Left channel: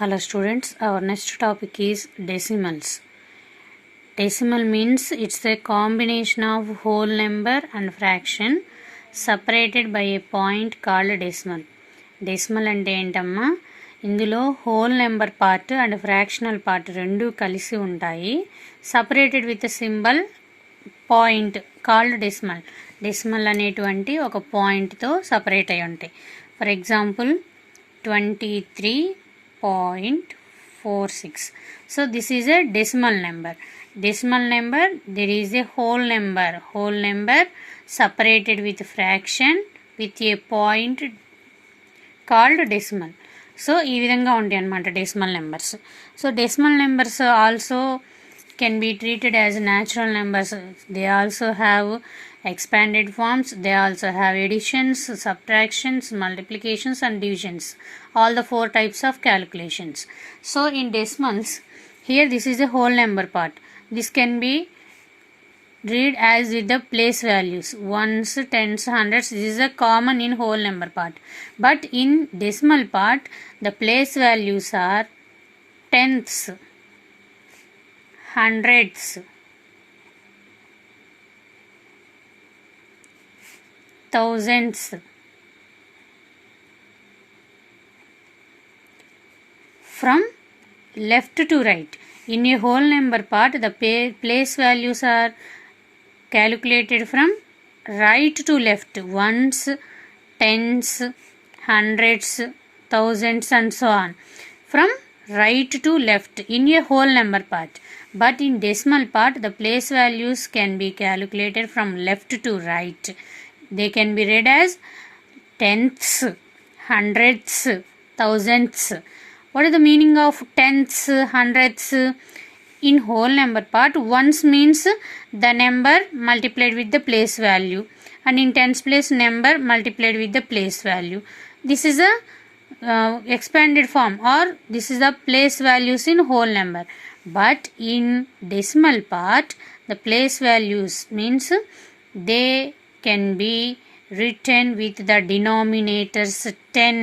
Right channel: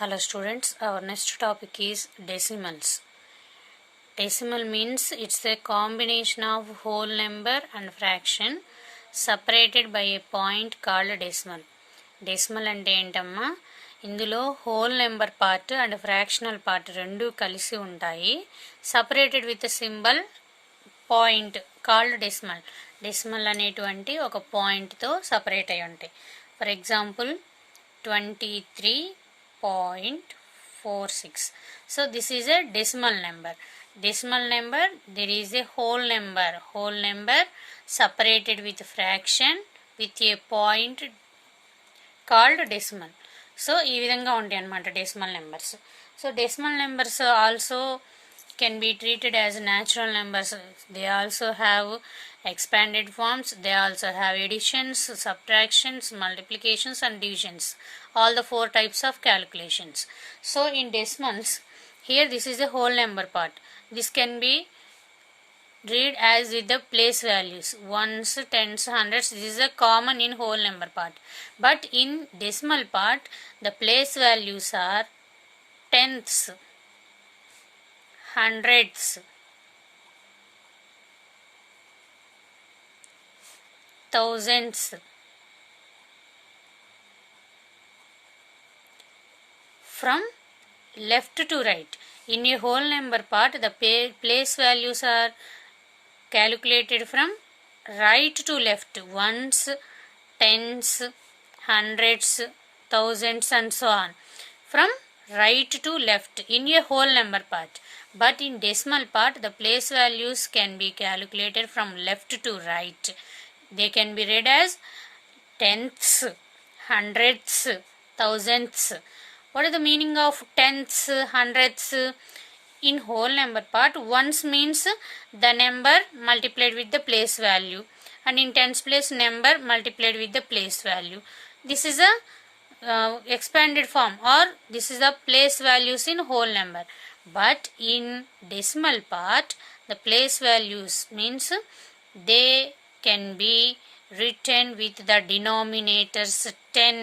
Hello students, our next topic is decimals. Decimal means it's a combination of whole number and fraction separated by a point called decimal. Decimal అంటే ఏంటమ్మా, ఇందులో whole number part and fractional part రెండు కలిసి ఉంటాయి. Separated with symbol point called decimal. Decimal అనేటువంటి ఒక పాయింట్తో separate అయి ఉంటాయి. For example 23.46. So this is a decimal number. Decimal number, there is a whole number separated with fraction with a point called decimal. So ఈ విధంగా ఉంటాయి అన్నమాట decimal numbers. So decimal numbers also can be treated as natural numbers. They also have expanded forms. They also have additions, subtractions, multiplications and divisions. All the four types of calculations. So in decimals, here this is the whole number part. This can be read as with the place values, ones, tens, hundreds. This is a common in whole number part. But in decimal part, the place values are tenths, hundreds, thousands, from left to right. In a whole number part, the place values are calculated from right to left, ones, tens, hundreds, thousands and so on, from right to left in a whole number part. But in decimal part, the place values can be calculated from left to right. They can be read as tenths, hundreds, thousands. What is the meaning of tenths, hundreds? In whole number part, ones means the number multiplied with the place value, and in tens place, number multiplied with the place value. This is a expanded form, or this is the place values in whole number. But in decimal part, the place values means they can be written with the denominators 10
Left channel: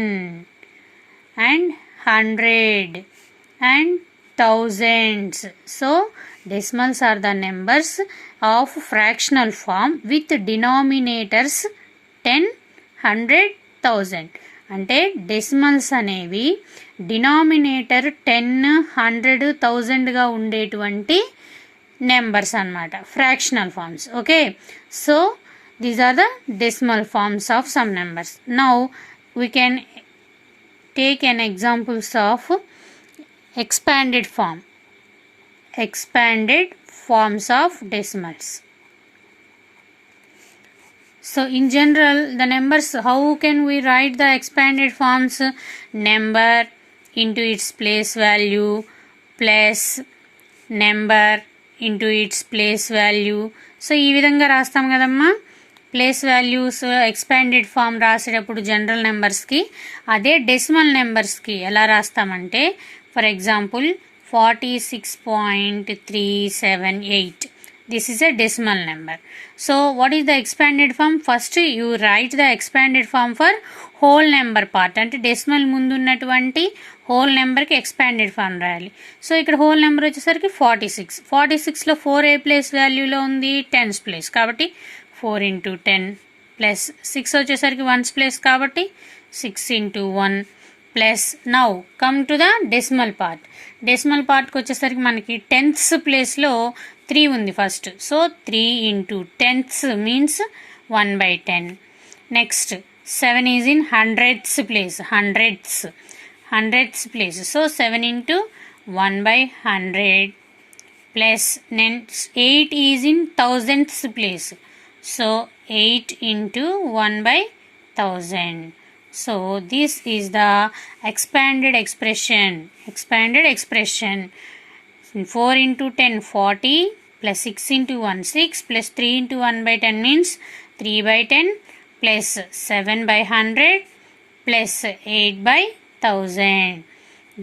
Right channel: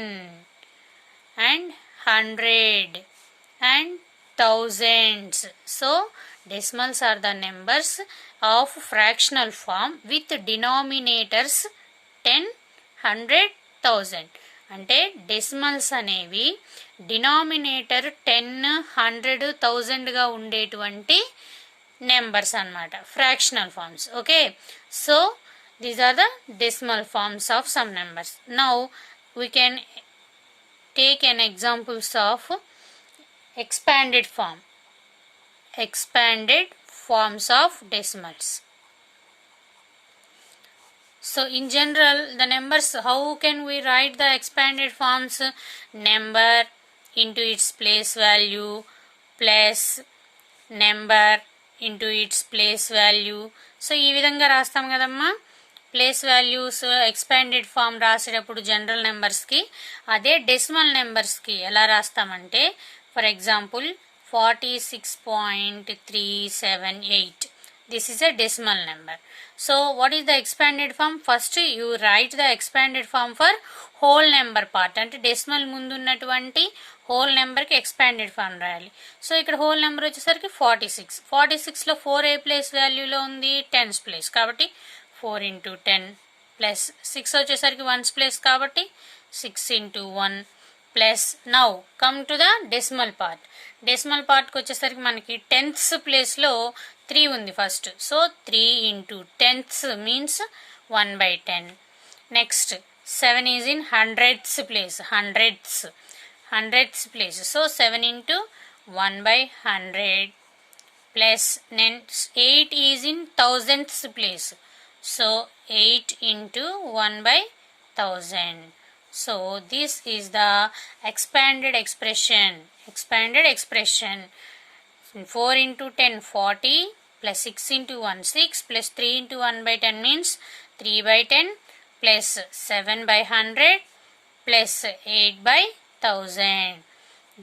and 100 and thousands. So decimals are the numbers of fractional form with denominators 10, 100, 1000. అంటే decimals అనేవి denominator 10, 100, 1000గా ఉండేటువంటి numbers అన్నమాట, fractional forms. Okay, so these are the decimal forms of some numbers. Now we can take an examples of expanded forms of decimals. So in general, the numbers, how can we write the expanded forms? Number into its place value plus number into its place value. So ఈ విధంగా రాస్తాం కదమ్మా place values expanded form రాసేటప్పుడు general నెంబర్స్కి. అదే decimal నెంబర్స్కి ఎలా రాస్తామంటే, for example 46.378. This is a decimal number. So what is the expanded form? First you write the expanded form for whole number part. అంటే డెసిమల్ ముందు ఉన్నటువంటి హోల్ నెంబర్కి expanded form రాయాలి. సో ఇక్కడ హోల్ నెంబర్ వచ్చేసరికి 46. 46లో 4 ఏ place వాల్యూలో ఉంది, tens place, కాబట్టి 4 into 10 plus 6 వచ్చేసరికి వన్స్ ప్లేస్ కాబట్టి 6 into 1 plus. Now come to the decimal part. Decimal పార్ట్కి వచ్చేసరికి మనకి టెన్త్స్ ప్లేస్లో 3 ఉంది first. So 3 into tenths means 1/10. Next 7 is in hundredths place, hundredths place. So 7 into 1/100 plus 8 is in thousandths place. So 8 into 1/1000. So this is the expanded expression. 4 into 10 40 plus 6 into 1 6 plus 3 into 1/10 means 3/10 plus 7/100 plus 8/1000.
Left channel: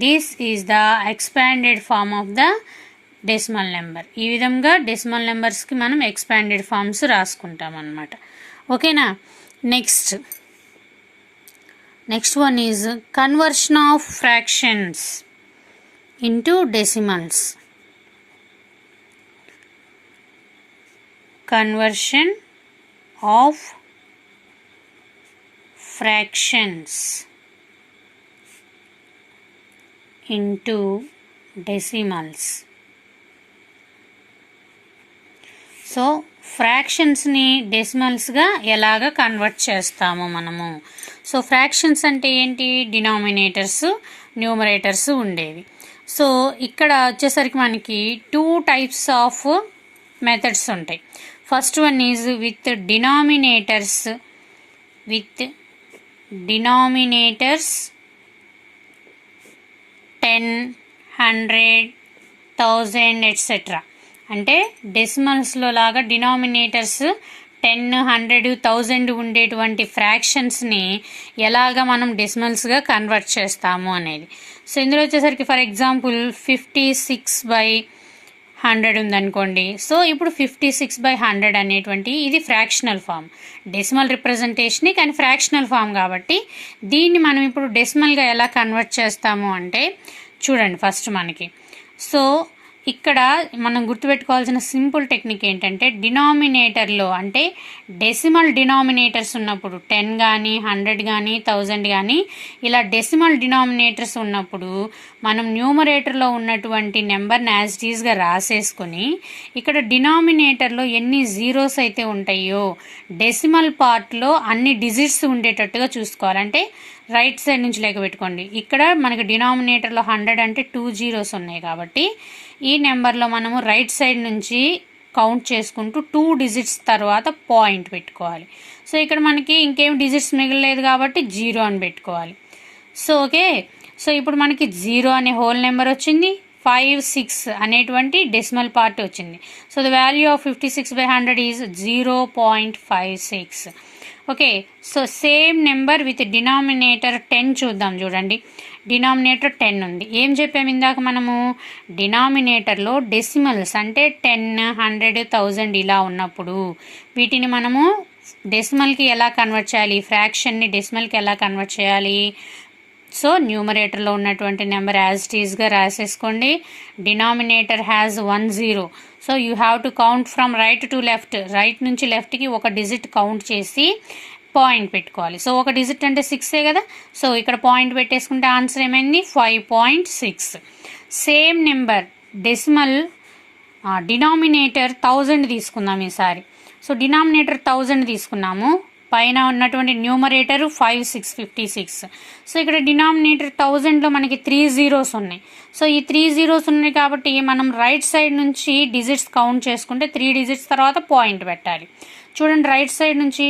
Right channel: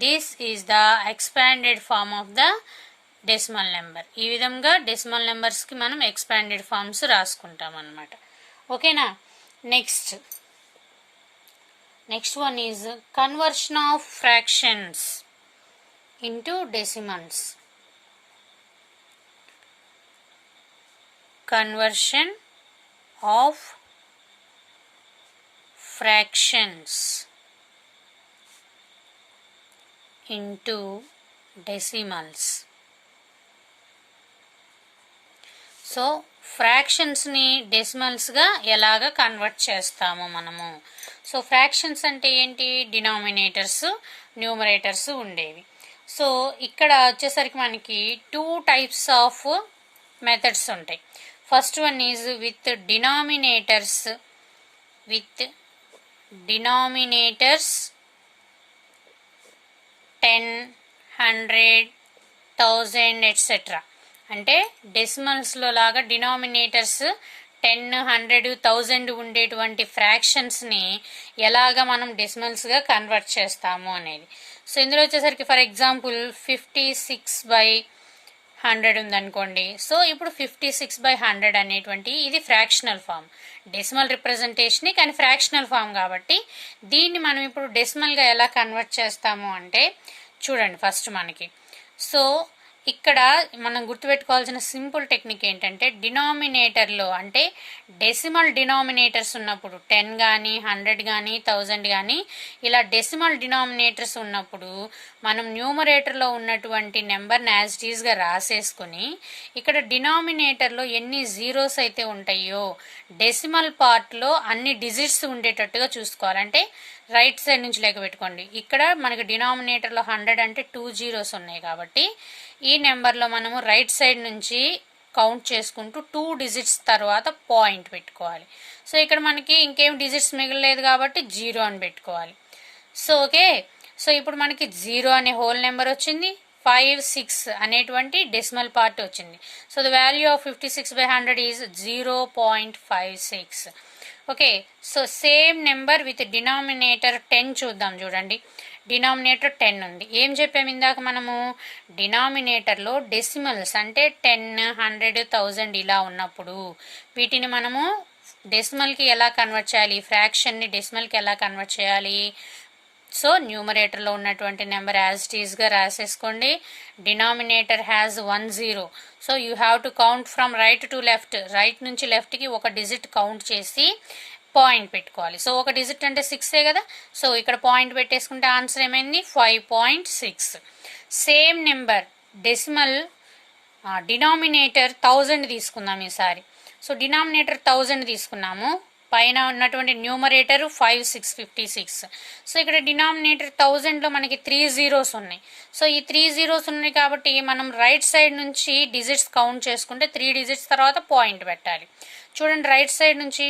This is the expanded form of the decimal number. ఈ విధంగా decimal నెంబర్స్కి మనం expanded forms రాసుకుంటాం అన్నమాట. ఓకేనా. Next one is conversion of fractions. into decimals. Conversion of fractions into decimals. So ఫ్రాక్షన్స్ని డెసిమల్స్గా ఎలాగ కన్వర్ట్ చేస్తాము మనము. సో ఫ్రాక్షన్స్ అంటే ఏంటి, డినామినేటర్స్ న్యూమరేటర్స్ ఉండేవి. సో ఇక్కడ వచ్చేసరికి మనకి 2 types ఆఫ్ మెథడ్స్ ఉంటాయి. First one is with denominators 10, 100, 1000 etcetera. అంటే డెసిమల్స్లో లాగా డినామినేటర్స్ 10, 100, 1000 ఉండేటువంటి ఫ్రాక్షన్స్ని ఎలాగ మనం డెసిమల్స్గా కన్వర్ట్ చేస్తాము అనేది. సో ఇందులో వచ్చేసరికి ఫర్ ఎగ్జాంపుల్ 56/100 ఉందనుకోండి. సో ఇప్పుడు 56/100 అనేటువంటి ఇది ఫ్రాక్షనల్ ఫామ్, డెసిమల్ రిప్రజెంటేషన్ కానీ ఫ్రాక్షనల్ ఫామ్ కాబట్టి దీన్ని మనం ఇప్పుడు డెసిమల్గా ఎలా కన్వర్ట్ చేస్తాము అంటే చూడండి. ఫస్ట్ మనకి సో ఇక్కడ మనం గుర్తుపెట్టుకోవాల్సిన సింపుల్ టెక్నిక్ ఏంటంటే డినామినేటర్లో అంటే డెసిమల్ డినామినేటర్స్ ఉన్నప్పుడు 10 కానీ 100 కానీ 1000 కానీ ఇలా డెసిమల్ డినామినేటర్స్ ఉన్నప్పుడు మనం న్యూమరేటర్లో ఉన్నటువంటి నెంబర్ని యాజ్ ఇట్ ఈస్గా రాసేసుకొని ఇక్కడ డినామినేటర్లో ఎన్ని జీరోస్ అయితే ఉంటాయో డెసిమల్ పార్ట్లో అన్ని డిజిట్స్ ఉండేటట్టుగా చూసుకోవాలంటే రైట్ సైడ్ నుంచి లెక్క పెట్టుకోండి. ఇక్కడ మనకి డినామినేటర్లో 100 అంటే 2 జీరోస్ ఉన్నాయి కాబట్టి ఈ నెంబర్లో మనము రైట్ సైడ్ నుంచి కౌంట్ చేసుకుంటూ 2 డిజిట్స్ తర్వాత పాయింట్ పెట్టుకోవాలి. సో ఇక్కడ మనకి ఇంకేం డిజిట్స్ మిగలలేదు కాబట్టి 0 అని పెట్టుకోవాలి. So okay. సో ఇప్పుడు మనకి 0 అనే హోల్ నెంబర్ వచ్చింది, 5, 6 అనేటువంటి డెసిమల్ పార్ట్ వచ్చింది. So the value of 56/100 is 0.56. Okay. So same number with denominator 10 చూద్దాం. చూడండి, డినామినేటర్ 10 ఉంది. ఏం చెప్పాము ఇందాక మనము, డినామినేటర్లో డెసిమల్స్ అంటే 10, 100, 1000 ఇలా ఉన్నప్పుడు వీటిని మనము డెసిమల్కి ఎలా కన్వర్ట్ చేయాలి, ఫ్రాక్షన్ని డెసిమల్కి ఎలా కన్వర్ట్ చేయాలి. సో న్యూమరేటర్లో ఉన్నటువంటి నెంబర్ యాజ్ ఇట్ ఈస్గా రాసేసుకోండి. Denominator has 1 0. So you have to count from right to left, right నుంచి లెఫ్ట్కి ఒక డిజిట్ కౌంట్ చేసి పాయింట్ పెట్టుకోవాలి. సో ఒక డిజిట్ అంటే 6 కదా. సో ఇక్కడ పాయింట్ పెట్టేసుకుంటే ఆన్సర్ ఏమైంది 5.6. సేమ్ నెంబర్ డెసిమల్ డినామినేటర్ 1000 తీసుకుందాం ఈసారి. సో డినామినేటర్ 1000 తీసుకున్నాము, పైన ఉన్నటువంటి న్యూమరేటర్ 5, 6, 56. సో ఇక్కడ డినామినేటర్ 1000లో మనకి 3 జీరోస్ ఉన్నాయి. సో ఈ 3 జీరోస్ ఉన్నాయి కాబట్టి మనం రైట్ సైడ్ నుంచి డిజిట్స్ కౌంట్ చేసుకుంటే 3 డిజిట్స్ తర్వాత పాయింట్ పెట్టాలి. చూడండి, రైట్ సైడ్ నుంచి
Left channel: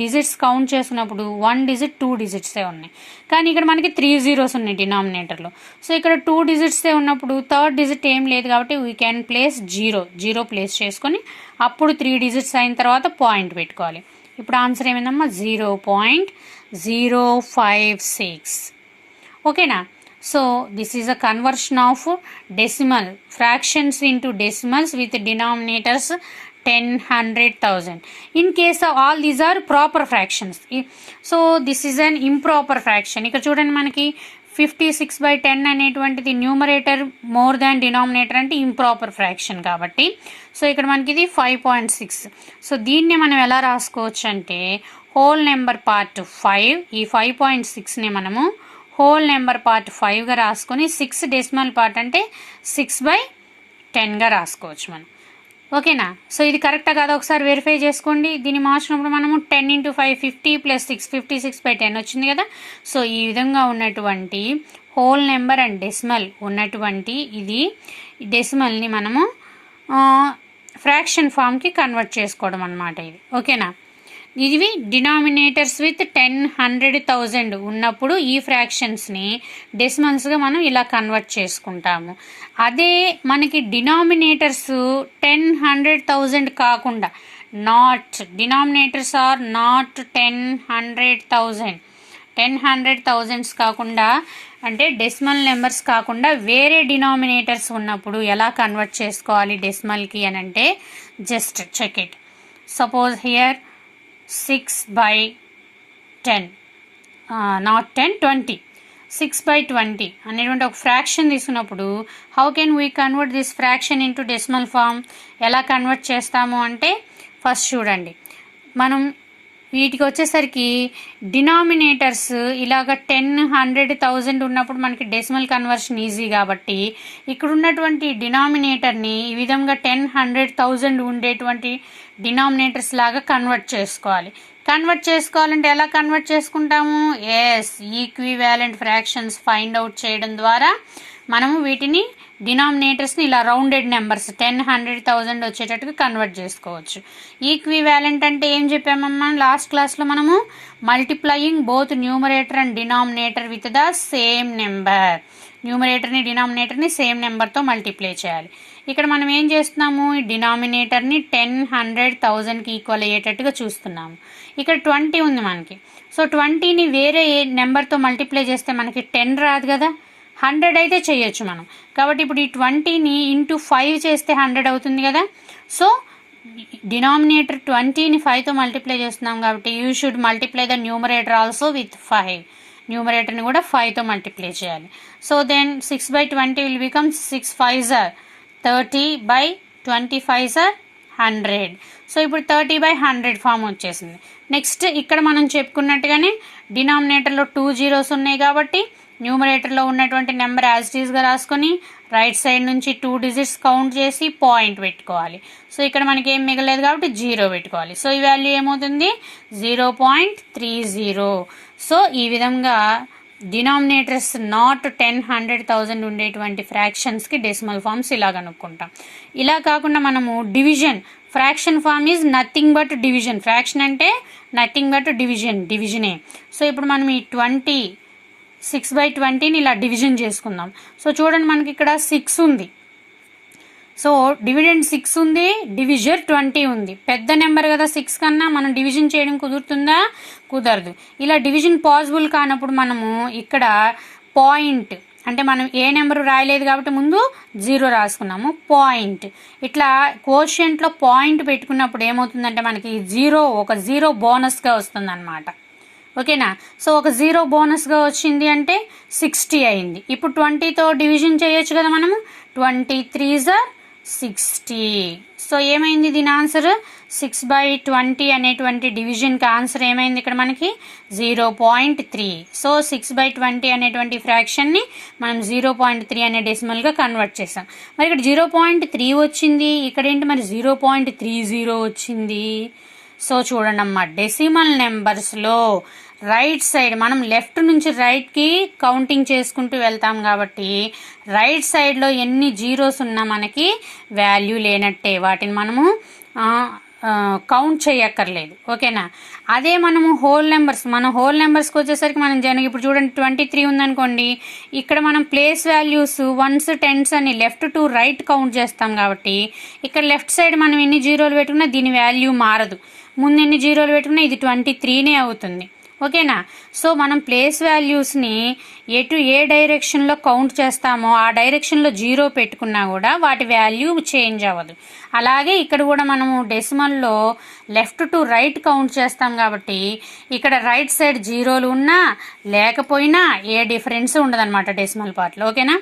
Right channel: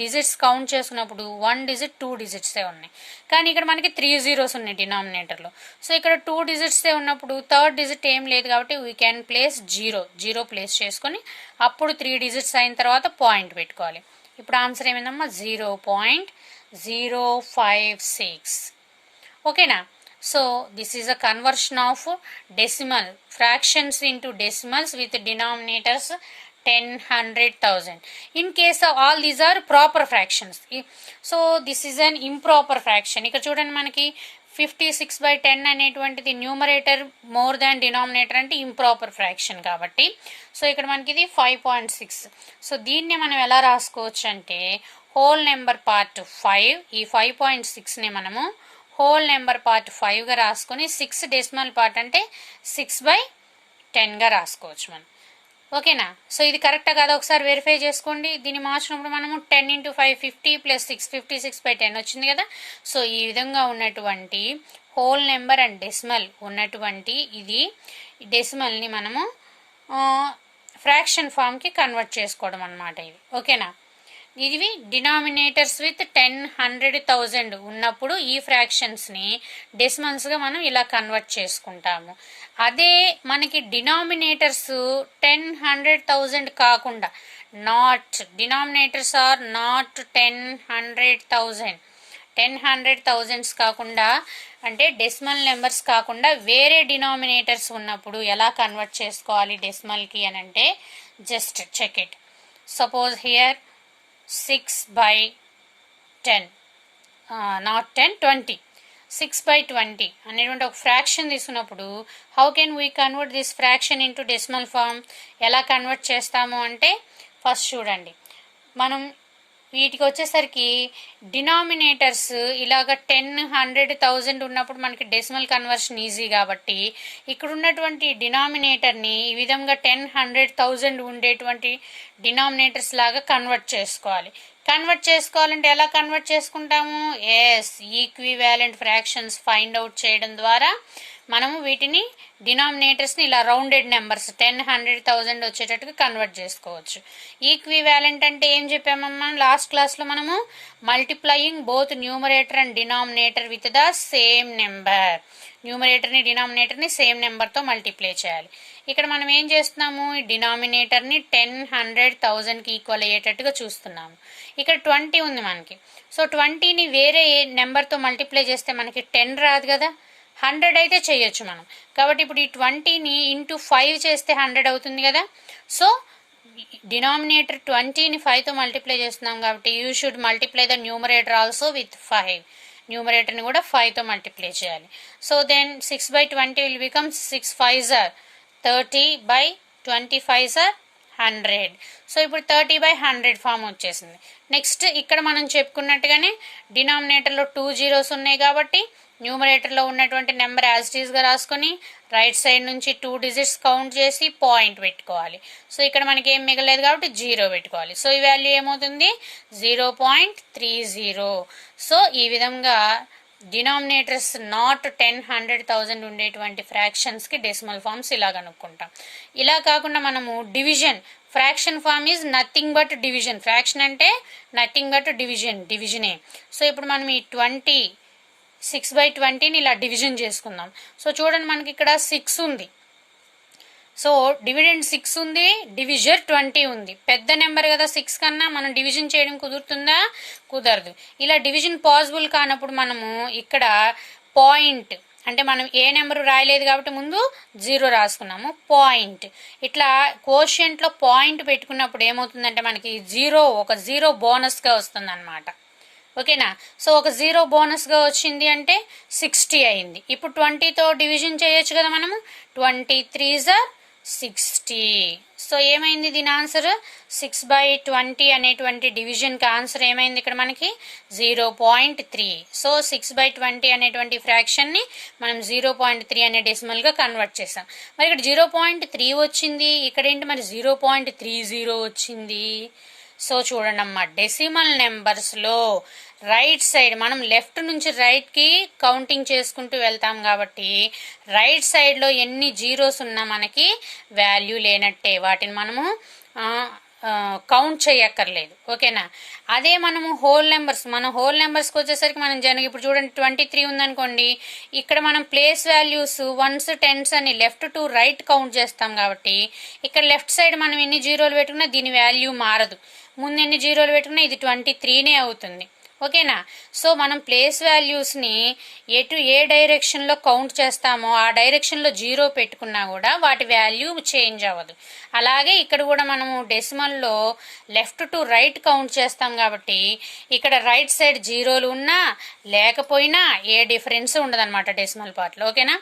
డిజిట్స్ కౌంట్ చేసుకున్నప్పుడు 1 డిజిట్ 2 డిజిట్సే ఉన్నాయి, కానీ ఇక్కడ మనకి 3 జీరోస్ ఉన్నాయి డినామినేటర్లో. సో ఇక్కడ 2 డిజిట్సే ఉన్నప్పుడు థర్డ్ డిజిట్ ఏం లేదు కాబట్టి వీ క్యాన్ ప్లేస్ 0 ప్లేస్ చేసుకొని అప్పుడు 3 డిజిట్స్ అయిన తర్వాత పాయింట్ పెట్టుకోవాలి. ఇప్పుడు ఆన్సర్ ఏమైందమ్మా 0.056. ఓకేనా. So this is a conversion of decimal fractions into decimals with denominators 10, 100, 1000. In case of all these are proper fractions. So this is an improper fraction. ఇక్కడ చూడండి, మనకి 56/10 అనేటువంటిది న్యూమరేటర్ మోర్ దాన్ డినామినేటర్ అంటే improper fraction కాబట్టి so ఇక్కడ మనకి ఇది 5.6. So దీన్ని మనం ఎలా రాసుకోవచ్చు అంటే హోల్ నెంబర్ పార్ట్ 5, ఈ 5.6ని మనము హోల్ నెంబర్ పార్ట్ 5గా రాసుకొని 6 డెసిమల్ పార్ట్ అంటే 6/10గా రాసుకోవచ్చు మనం. ఓకేనా. సో ఇది కరెక్టా కాదా ఒకసారి వెరిఫై చేసుకోండి. దీన్ని మార్చినప్పుడు మనము 10 × 5 50 + 6 56/10 వచ్చింది కదా. సో ఈ విధంగా ఉన్నటువంటి హోల్ నెంబర్ అండ్ డెసిమల్ ఉన్నటువంటి ఇది డెసిమల్ని మనము ఫ్రాక్షన్ ఫామ్కి కన్వర్ట్ చేసుకోవడం అన్నమాట ఇది. ఓకేనా. ఇవి డినామినేటర్స్ విత్ 10, 100, 1000 ఉన్నప్పుడు ఈ ఫ్రాక్షన్స్ని డెసిమల్స్గా మనం ఇలా కన్వర్ట్ చేసుకుంటాము. అదే మనకి డినామినేటర్స్ 10, 100, 1000 కాకుండా నాట్ డినామినేటర్స్ ఆర్ నాట్ 10, 100, 1000 10, 100, 1000 కాకుండా అంటే డెసిమల్ నెంబర్స్ కాకుండా వేరే డినామినేటర్స్ ఉన్నప్పుడు ఎలా కన్వర్ట్ చేసుకోవాలి డెసిమల్కి అని అంటే just check it. Suppose here 6/10 not 10, 20. 6/20 అనేటువంటి ఒక ఫ్రాక్షన్ తీసుకున్నప్పుడు how can we convert this fraction into decimal form? ఎలా కన్వర్ట్ చేస్తాము అంటే ఫస్ట్ చూడండి, మనం వీటికి వచ్చేసరికి డినామినేటర్స్ ఇలాగ 10, 100, 1000 ఉన్నప్పుడు మనకి డెసిమల్ కన్వర్షన్ ఈజీ కాబట్టి ఇక్కడ ఉన్నటువంటి డినామినేటర్ని ఈ విధంగా 10, 100, 1000 ఉండేటువంటి డినామినేటర్స్ లాగా కన్వర్ట్ చేసుకోవాలి. కన్వర్ట్ చేసుకోవాలంటే ఎలా కన్వర్ట్ చేసుకుంటాము? ఈక్వివాలెంట్ ఫ్రాక్షన్స్ ఫైండ్ అవుట్ చేయడం ద్వారా మనము వీటిని డినామినేటర్స్ని ఇలా రౌండెడ్ నెంబర్స్ 10, 100, 1000 వచ్చేటట్టుగా కన్వర్ట్ చేసుకోవచ్చు. ఈక్వివాలెంట్ అంటే ఏం చెప్పామమ్మా లాస్ట్ క్లాస్లో మనము? Multiplying both numerator and denominator with the same number. న్యూమరేటర్ని డినామినేటర్ని సేమ్ నెంబర్తో మల్టిప్లై చేయాలి. ఇక్కడ మనం ఏం చేస్తున్నాము? ఈ డినామినేటర్ని 10, 100, 1000కి ఈక్వల్ అయ్యేటట్టుగా చూస్తున్నాము. ఇక్కడ 20 ఉంది మనకి. సో 20ని వేరే నెంబర్తో మల్టిప్లై చేస్తే మనకి 10 రాదు కదా, 100 అయితే చేయొచ్చు మనం. కాబట్టి ఇప్పుడు ఈ 20ని ఇంటూ 5 చేస్తే 100 అవుతుంది కదా. సో డినామినేటర్ 20ని 5తో మల్టిప్లై చేస్తున్నాం కాబట్టి you should multiply the numerator also with 5. న్యూమరేటర్ని కూడా 5తో మల్టిప్లై చేయాలి. So then 6/20 will become 6 5s are 30/25s are 100. So ఇప్పుడు 30/100 ఫామ్ వచ్చేసింది. నెక్స్ట్ ఇక్కడ మనం చెప్పుకున్నట్టుగానే డినామినేటర్లో 2 zeros ఉన్నాయి కాబట్టి న్యూమరేటర్లో ఉన్నటువంటి నెంబర్ యాజ్ ఇట్ ఈస్గా రాసుకొని రైట్ సైడ్ నుంచి 2 digits కౌంట్ చేసి పాయింట్ పెట్టుకోవాలి. సో ఇక్కడ మనకి ఏం మిగలేదు కాబట్టి 0 పెట్టుకోవాలి. సో ఈ వాల్యూ ఏమవుతుంది? 0.30. సో ఈ విధంగా డినామినేటర్స్ నాట్ 10, 100, 1000 ఉండేటువంటి ఫ్రాక్షన్స్కి డెసిమల్ ఫామ్స్ ఇలా కనుక్కుంటాం. ఇలా కాకుండా మనము division, fraction form is nothing but division. Fraction అంటే నథింగ్ బట్ డివిజనే. సో ఇప్పుడు మనం ఈ 6/20ని ఇలా డివిజన్ చేసుకుందాం. సో చూడండి మనకి ఇక్కడ 6 ఉంది. సో డివిడెండ్ 6 ఉంది, డివిజర్ 20 ఉంది. పెద్ద నెంబర్ కదా 6 కన్నా, మనం డివిజన్ చేయడం కుదురుతుందా? కుదరదు. ఇలా డివిజన్ పాసిబుల్ కానప్పుడు మనము ఇక్కడ పాయింట్ అంటే మనం ఏ నెంబరు రాయలేదు కాబట్టి ముందు 0 రాసుకున్నాము. పాయింట్ ఇట్లా కోషియంట్లో పాయింట్ పెట్టుకున్నప్పుడు ఏమవుతుందంటే మనకి ఒక 0 బోనస్గా వస్తుంది అనమాట. ఓకేనా? సో ఒక 0 బోనస్గా వచ్చింది అంటే 60 అయింది. ఇప్పుడు 20తో డివిజన్ చేయొచ్చు కదా మనము. 23s are 60. సో ఏమైంది దీని ఆన్సర్? 6/20 అనేటువంటి డివిజన్కి ఆన్సర్ ఏమైంది ఇక్కడ మనకి? 0.3. సో 6/20 అనేటువంటి ఫ్రాక్షన్ని మనం 0.3 అనే డెసిమల్గా కన్వర్ట్ చేసాం. మరి ఇక్కడ 0.3 వచ్చింది, ఇక్కడ ఏంటి మరి 0.30 వచ్చింది. సో చూడండి అమ్మా, డెసిమల్ నెంబర్స్లో రైట్ సైడ్ మనం లెఫ్ట్ నుంచి రైట్కి కౌంటింగ్ చేసుకుంటూ వెళ్తాం కాబట్టి రైట్ సైడ్లో ఎన్ని జీరోస్ ఉన్నా మనకి వాల్యూ లేనట్టే, వాటిని మనము కౌంట్ చేయక్కర్లేదు. ఓకేనా? అదే మనము హోల్ నెంబర్స్కి వచ్చేసరికి మనం ఇప్పుడు చూడండి 23 ఉందనుకోండి, ఇక్కడ మనం ప్లేస్ వాల్యూస్ 1s 10s అని లెఫ్ట్ టు రైట్ కౌంట్ చేస్తాం కాబట్టి ఇక్కడ లెఫ్ట్ సైడ్ మనం ఎన్ని జీరోలు పెట్టుకున్నా దీని వాల్యూ మారదు. ముందు ఎన్ని జీరోలు పెట్టుకున్నా ఇది 23నే అవుతుంది. ఓకేనా? సో మనం ప్లేస్ వాల్యూస్ని ఏ డైరెక్షన్లో కౌంట్ చేస్తామో ఆ డైరెక్షన్లో 0 పెట్టుకున్నా కూడా వాటి వాల్యూ చేంజ్ అవ్వదు. అలాగే ఇక్కడ కూడా మనము డెసిమల్లో లెఫ్ట్ టు రైట్ కౌంట్ చేస్తాం కాబట్టి ఇక్కడ రైట్ సైడ్ 0లు ఉన్నా లేకపోయినా ఏ డిఫరెన్స్ ఉండదన్నమాట డెసిమల్ పార్ట్లో. ఓకేనా?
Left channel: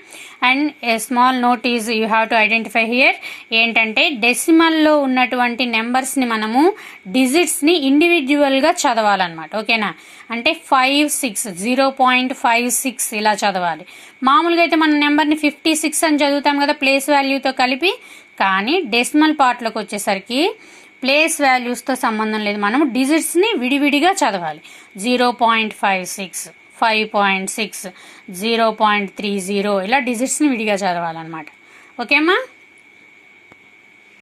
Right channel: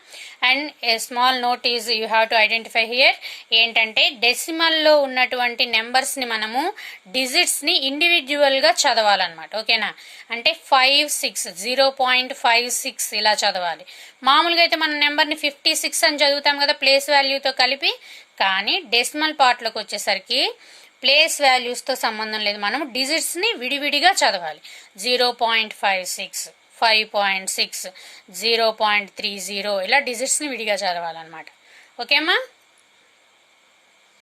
And a small note is you have to identify here. ఏంటంటే డెసిమల్లో ఉన్నటువంటి నెంబర్స్ని మనము డిజిట్స్ని ఇండివిజువల్గా చదవాలన్నమాట. ఓకేనా? అంటే 5, 6, 0.56 ఇలా చదవాలి. మామూలుగా అయితే మన నెంబర్ని 56 అని చదువుతాం కదా ప్లేస్ వాల్యూతో కలిపి. కానీ డెసిమల్ పార్ట్లోకి వచ్చేసరికి ప్లేస్ వాల్యూస్తో సంబంధం లేదు, మనము డిజిట్స్ని విడివిడిగా చదవాలి. 0.56, 5.6, 0.30 ఇలా డిజిట్స్ని విడిగా చదవాలన్నమాట. ఓకే అమ్మా?